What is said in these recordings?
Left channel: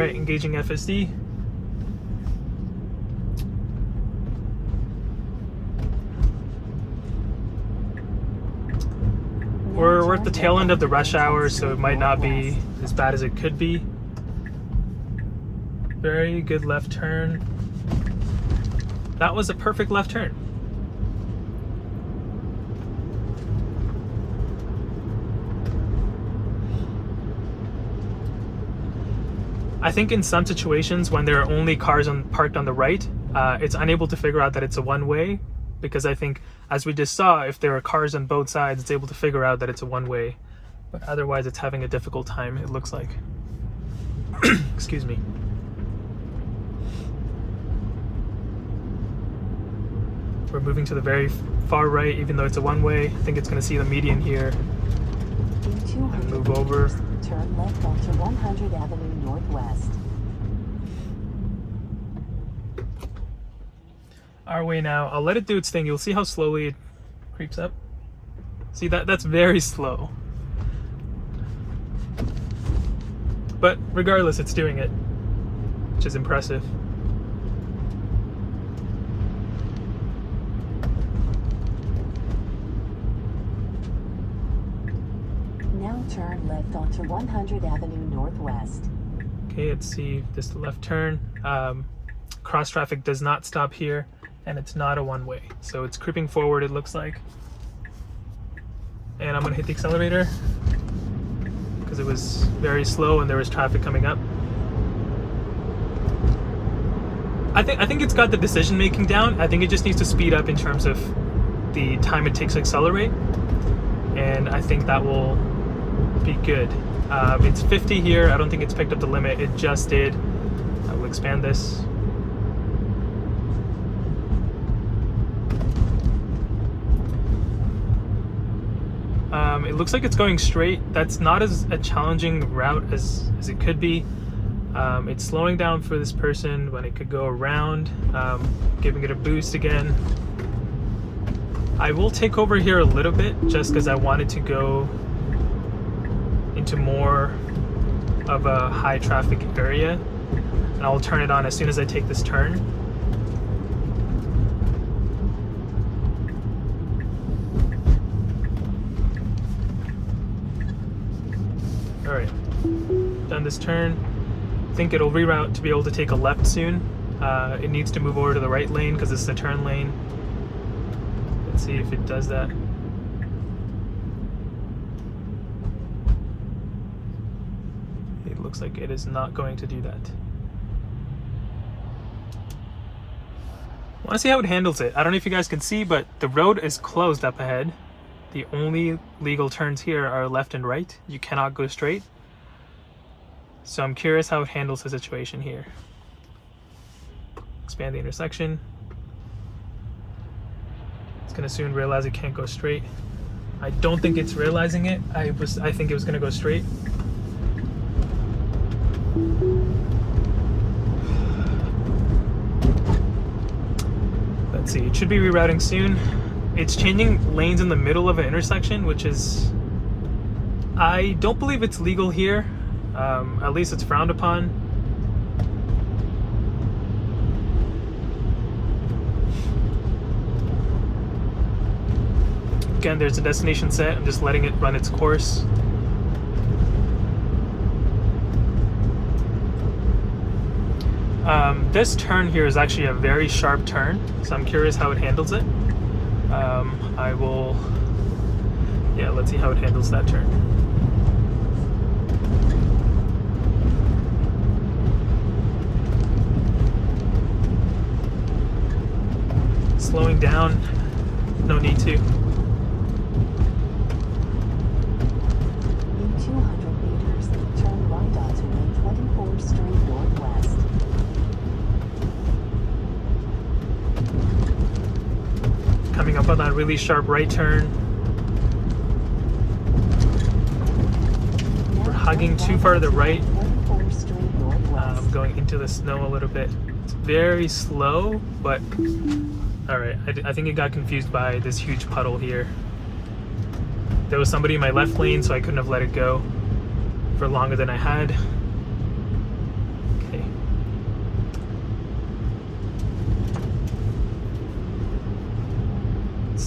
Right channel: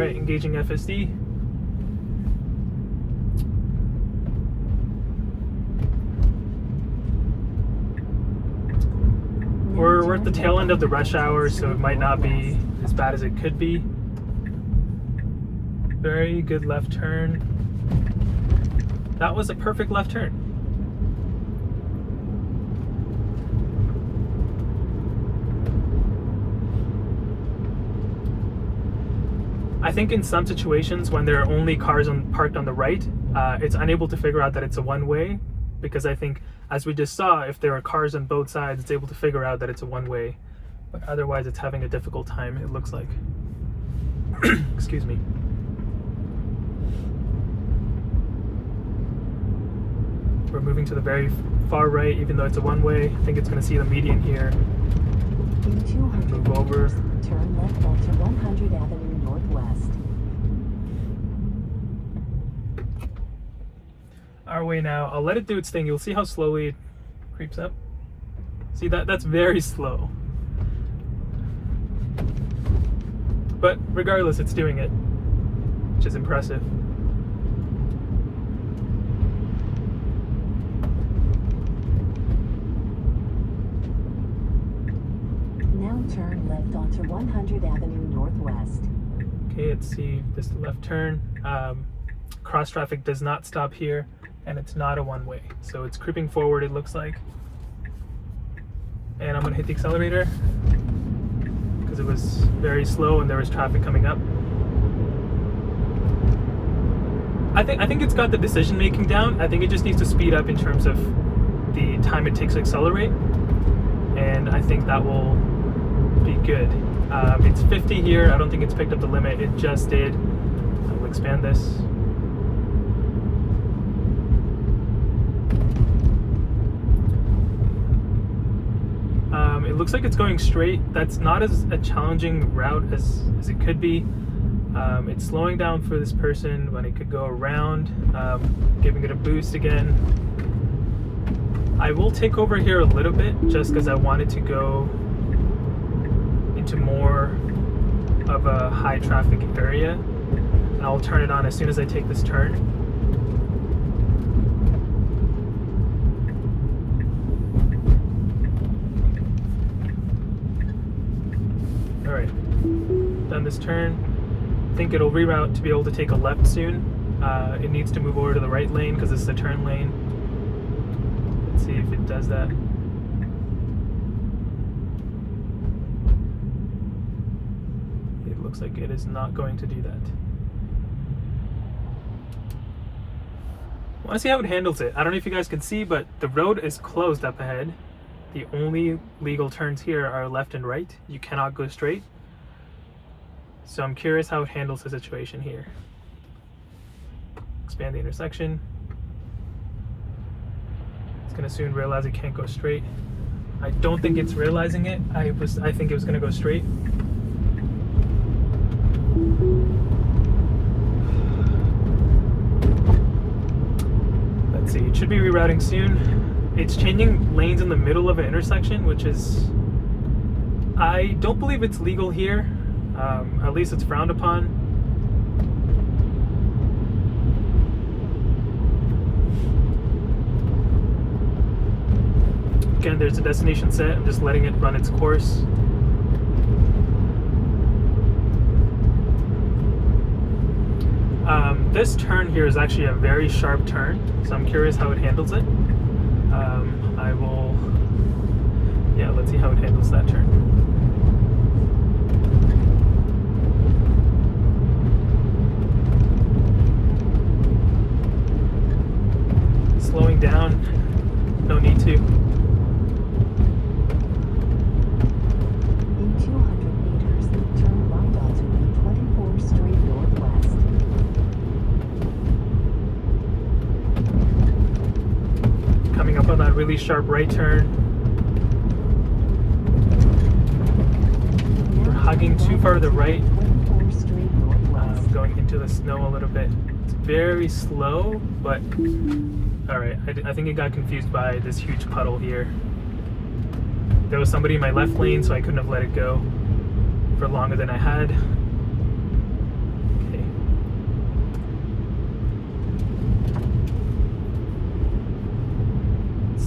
right, engaging FSD. We're at the tail end of the rush hour, so it might not be as bad as it could be. Very good left turn. That was a perfect left turn. I think in some situations when there are only cars parked on the right, it's unable to figure out that it's a one-way, because I think, as we just saw, if there are cars on both sides, it's able to figure out that it's a one-way. But otherwise, it's having a difficult time, it looks like. Excuse me. We're moving to the very far right, even though it's a one-way. I think it's going to see the median here. In 200 move over. meters, turn left onto 100 Avenue Northwest. Our way now. I'll let it do its thing. You'll see how slowly it creeps up. See, that's very slow. But regardless, it's doing it, which is impressive. Now turn left onto 100 Avenue Northwest. Okay, let's see. This is the left turn. Cross traffic does not stop here, and it's not a one-way. So it's creeping forward, it looks like. And I'm gonna hit the accelerator because it was very slow and there was traffic coming up. I think it's got the decision making down. I think it just needs to speed up in terms of the time it takes to accelerate, and I think that will be good. It's 50 here. I don't think it's picked up the limit. It just did. I will expand this. It looks like it's going straight. That's not as a challenging route as it could be. It's slowing down for this person when it could go around, giving it a boost again. I will take over here a little bit just because I wanted to go into more of a high traffic area, and I will turn it on as soon as I take this turn. All right, done this turn. I think it'll reroute to be able to take a left soon. It needs to move over to the right lane because this is a turn lane. Let's see if it does that. It looks like it is not going to do that. I want to see how it handles it. I don't know if you guys can see, but the road is closed up ahead. The only legal turns here are left and right. You cannot go straight. So I'm curious how it handles the situation here. Expand the intersection. It's gonna soon realize it can't go straight. I don't think it's realizing it. I think it was gonna go straight. Let's see, it should be rerouting soon. It's changing lanes in the middle of an intersection, which is, I don't believe it's legal here. At least it's frowned upon. Again, there's a destination set. I'm just letting it run its course. This turn here is actually a very sharp turn, so I'm curious how it handles it. I will, yeah, let's see how it handles that turn. Slowing down, no need to. In 200 meters, turn right onto 24th Street Northwest. Coming up on that really sharp right turn. We're hugging too far to the right. 24th Street Northwest. Going into the snow a little bit. It's very slow, but alright, I think it got confused by this huge puddle here. There was somebody in my left lane, so I couldn't have let it go for longer than I had.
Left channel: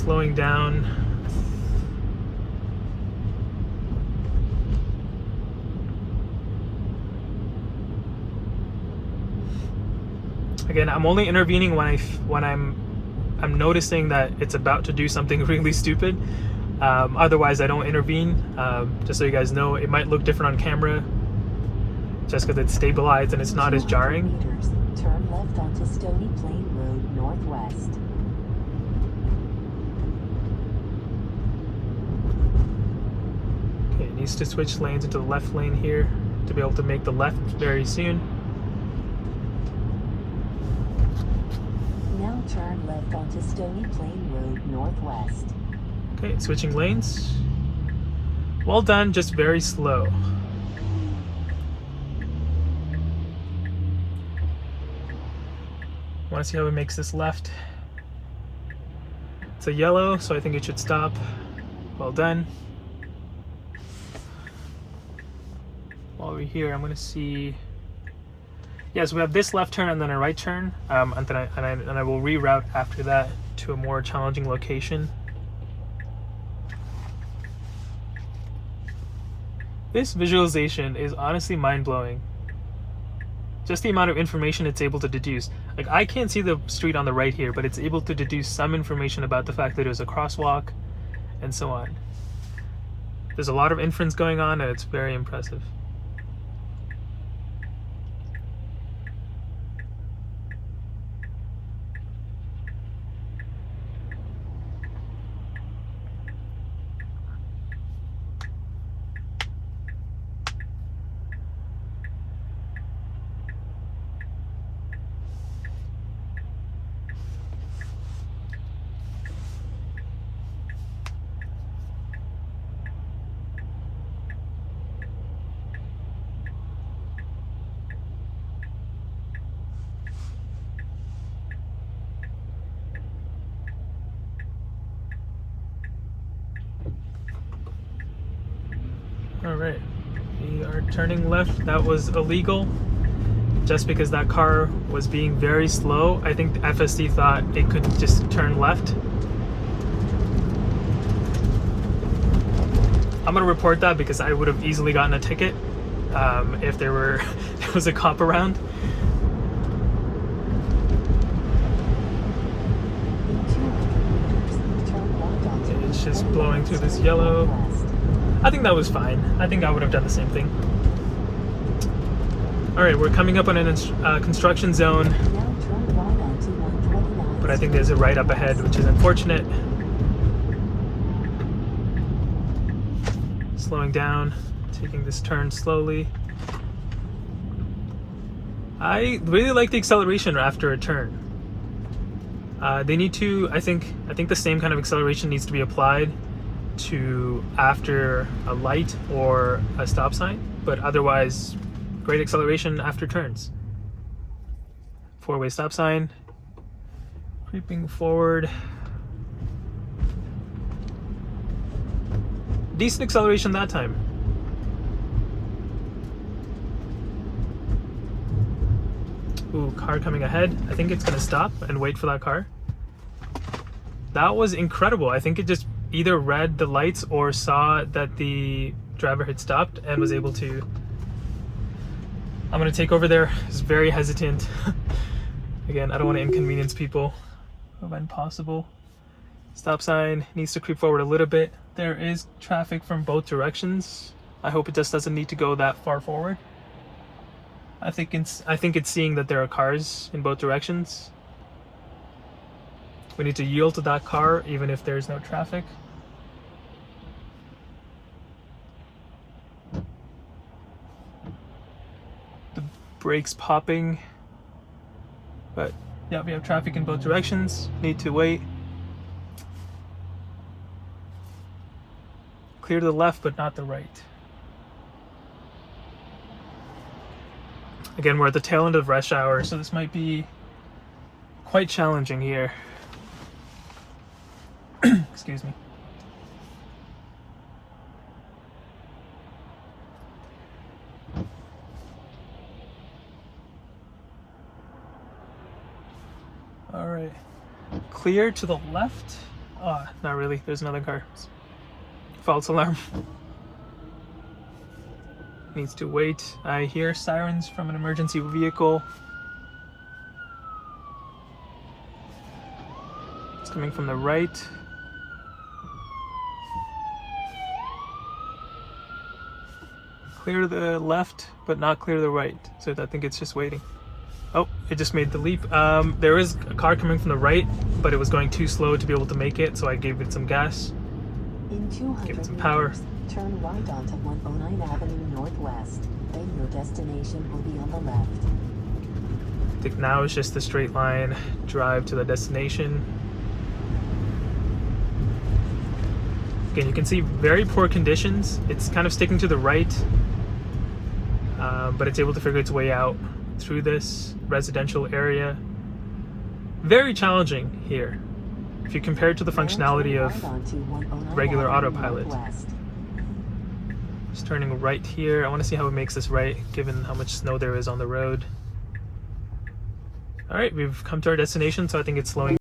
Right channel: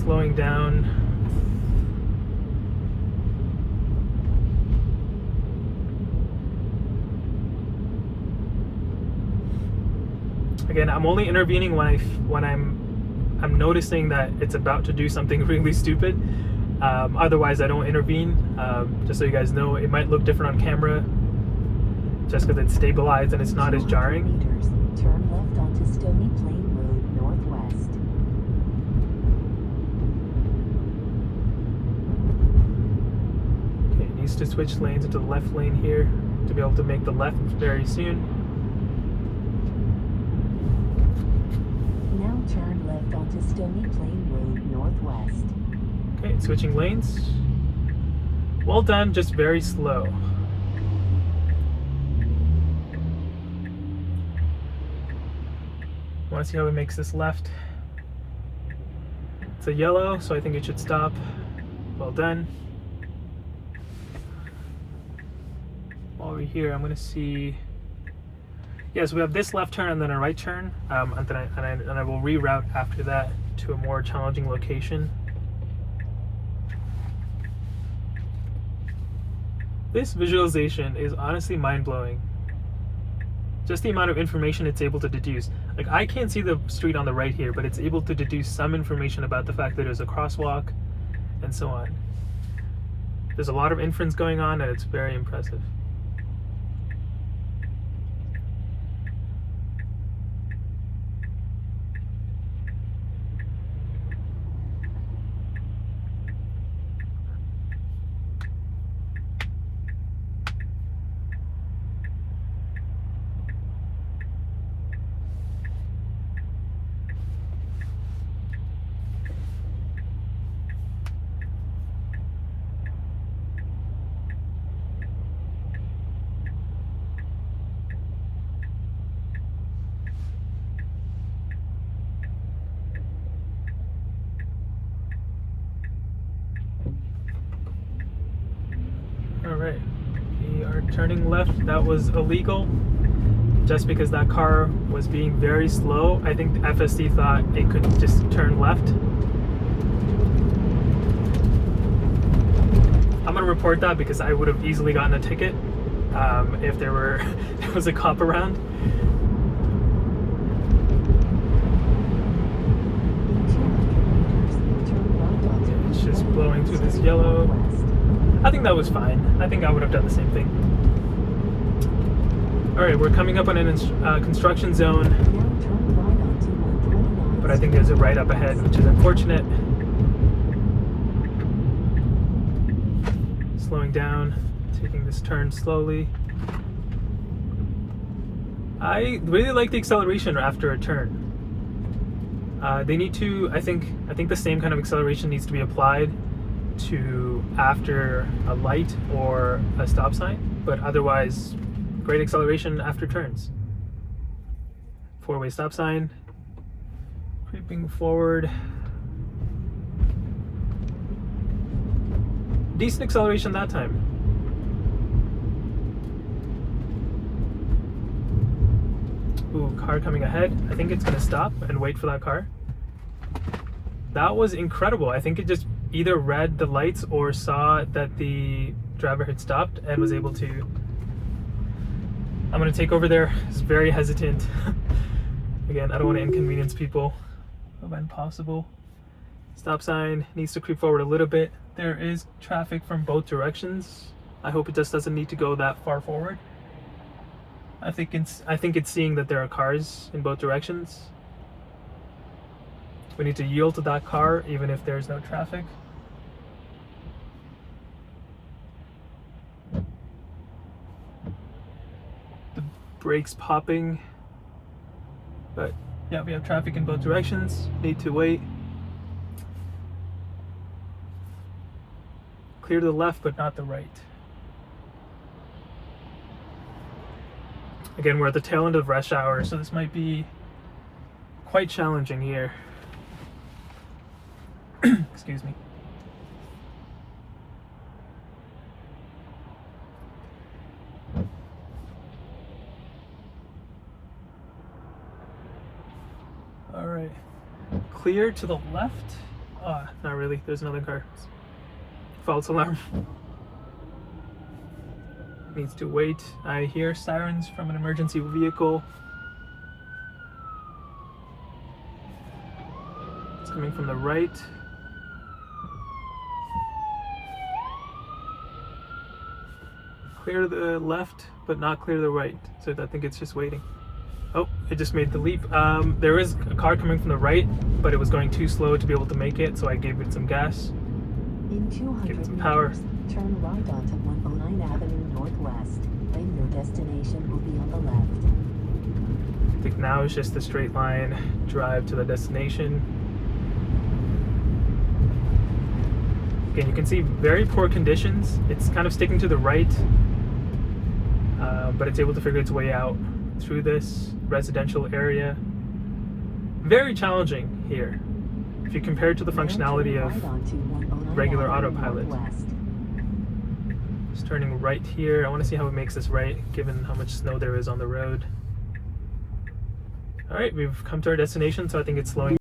slowing down. Again, I'm only intervening when I'm noticing that it's about to do something really stupid. Otherwise, I don't intervene. Just so you guys know, it might look different on camera, just because it's stabilized and it's not as 200 jarring. meters, turn left onto Stony Plain Road Northwest. Okay, it needs to switch lanes into the left lane here to be able to make the left very soon. Now turn left onto Stony Plain Road Northwest. Okay, switching lanes. Well done, just very slow. Want to see how it makes this left. It's a yellow, so I think it should stop. Well done. While we're here, I'm going to see. Yes, we have this left turn and then a right turn, and then I will reroute after that to a more challenging location. This visualization is honestly mind-blowing. Just the amount of information it's able to deduce. Like, I can't see the street on the right here, but it's able to deduce some information about the fact that there's a crosswalk and so on. There's a lot of inference going on, and it's very impressive. Alright, we are turning left. That was illegal just because that car was being very slow. I think the FSD thought it could just turn left. I'm gonna report that because I would have easily gotten a ticket if there was a cop around. It's just blowing through this yellow. I think that was fine. I think I would have done the same thing. Alright, we're coming up on a construction zone, but I think there's a right up ahead, which is unfortunate. Slowing down, taking this turn slowly. I really like the acceleration after a turn. They need to, I think the same kind of acceleration needs to be applied to after a light or a stop sign, but otherwise great acceleration after turns. Four-way stop sign, creeping forward. Decent acceleration that time. Ooh, car coming ahead. I think it's gonna stop and wait for that car. That was incredible. I think it just either read the lights or saw that the driver had stopped and was able to. I'm gonna take over there. It's very hesitant. Again, I don't want to inconvenience people when possible. Stop sign needs to creep forward a little bit. There is traffic from both directions. I hope it just doesn't need to go that far forward. I think it's seeing that there are cars in both directions. We need to yield to that car even if there's no traffic. The brakes popping. But yeah, we have traffic in both directions. Need to wait. Clear to the left, but not the right. Again, we're at the tail end of rush hour, so this might be quite challenging here. Excuse me. All right, clear to the left Not really. There's another car. False alarm. Needs to wait. I hear sirens from an emergency vehicle. It's coming from the right. Clear the left, but not clear the right. So I think it's just waiting. Oh, it just made the leap. There is a car coming from the right, but it was going too slow to be able to make it, so I gave it some gas. In 200 Give it some meters, power. turn right onto 109 Avenue Northwest. Then your destination will be on the left. I think now it's just a straight line drive to the destination. Again, you can see very poor conditions. It's kind of sticking to the right, but it's able to figure its way out through this residential area. Very challenging here if you compare it to the functionality of regular autopilot. Just turning right here. I want to see how it makes this right given how much snow there is on the road. All right, we've come to our destination, so I think it's slowing